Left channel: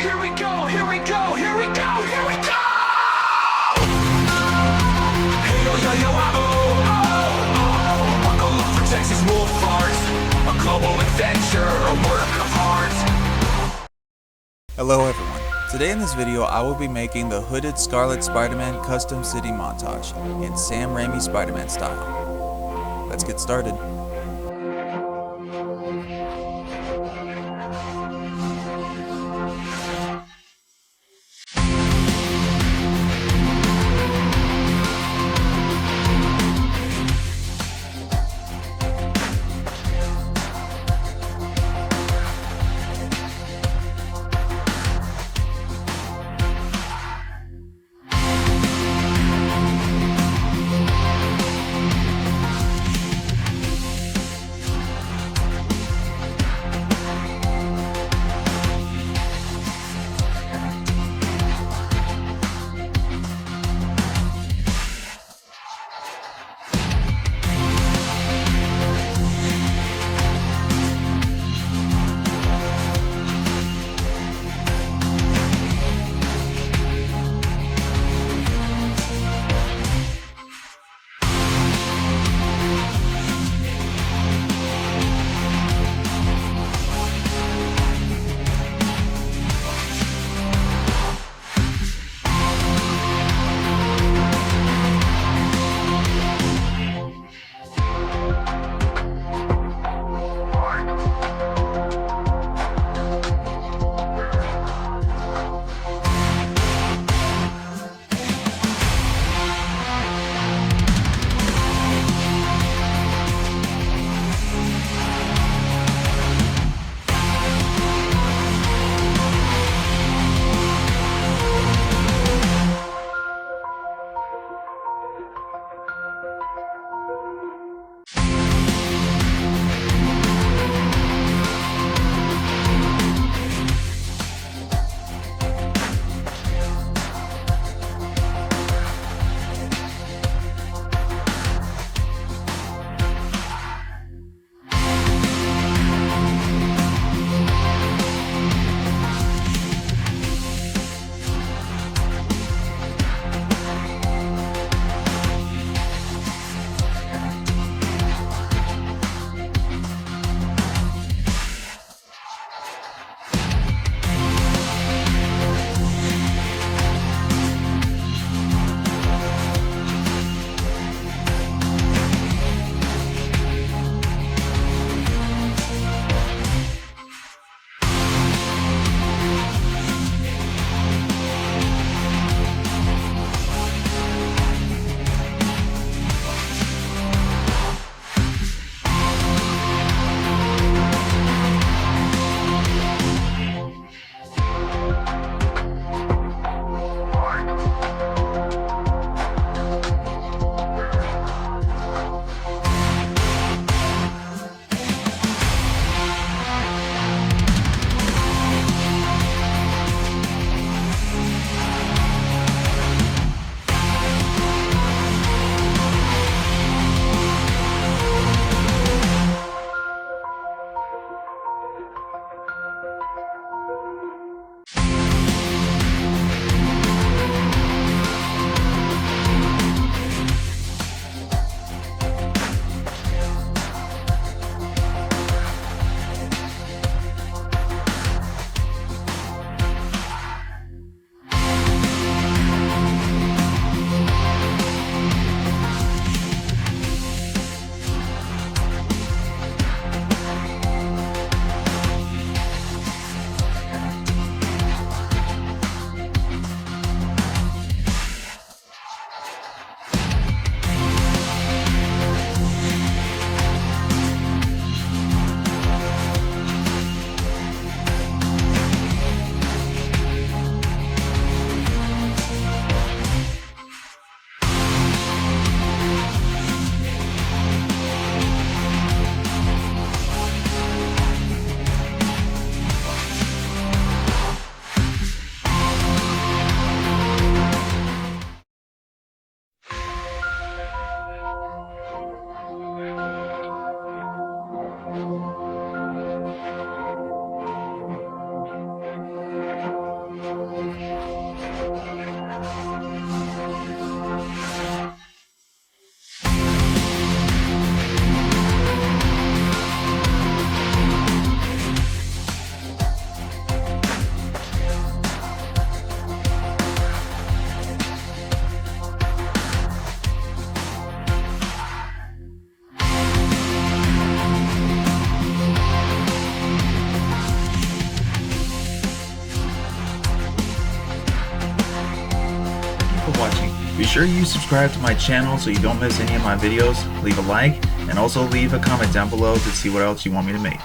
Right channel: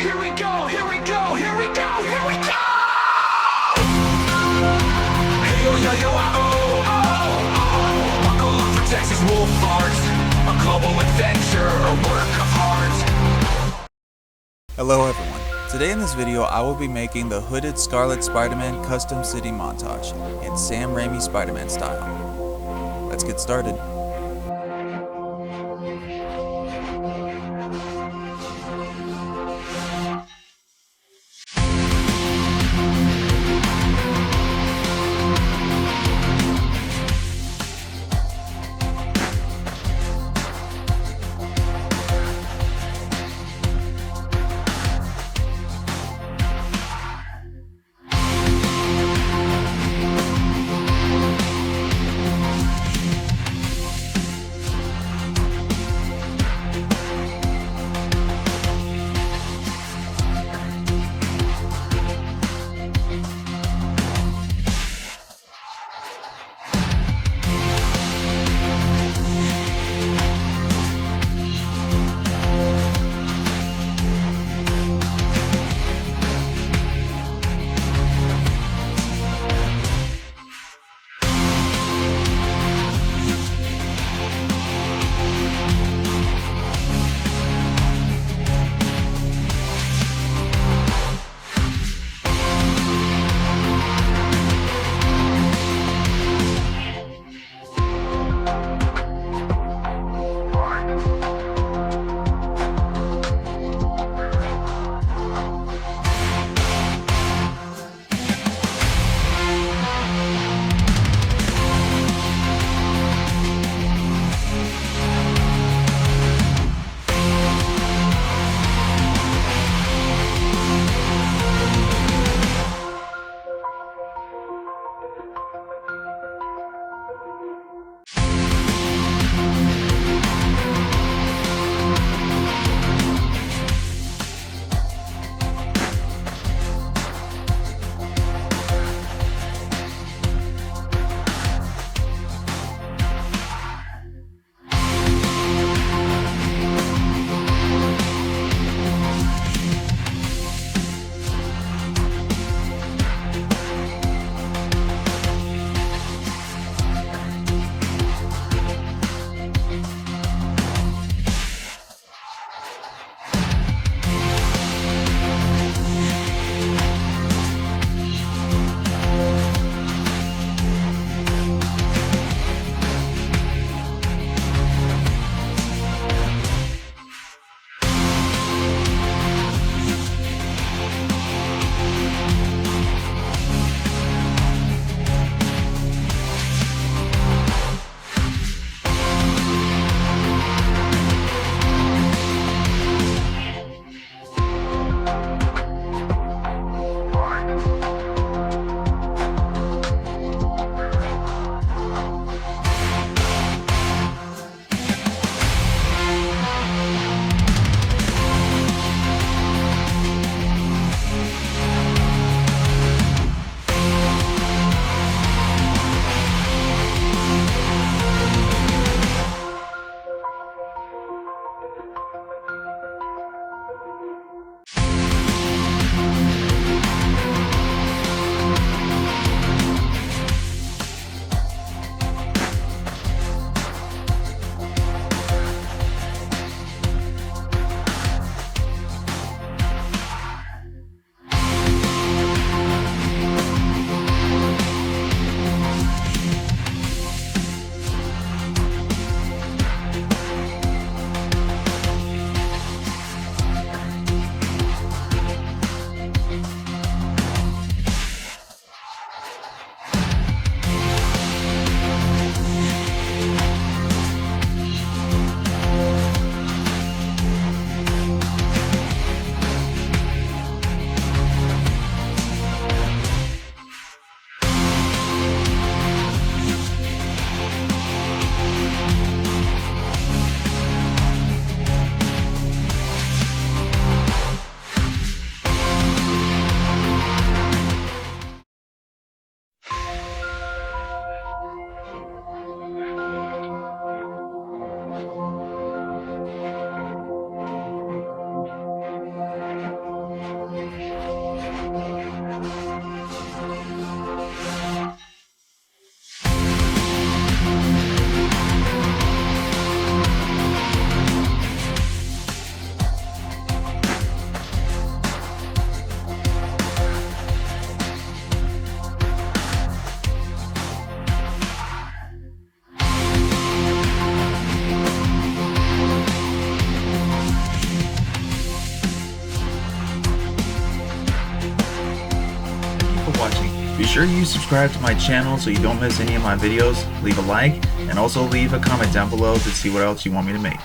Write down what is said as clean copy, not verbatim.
Here we go, here we go, here we go, here we go! Hey yo yo yo oh oh oh! Buckle up for TexasWolfArt, a global adventure, a work of art. Hello everyone. Today in this video I will be making the Hooded Scarlet Spider-Man custom city montage in Sam Raimi Spider-Man style. Let's get started. watching. Be sure you subscribe to my channel so you don't miss any of my videos, leave a like, and also leave a comment down below to see what else you want me to make.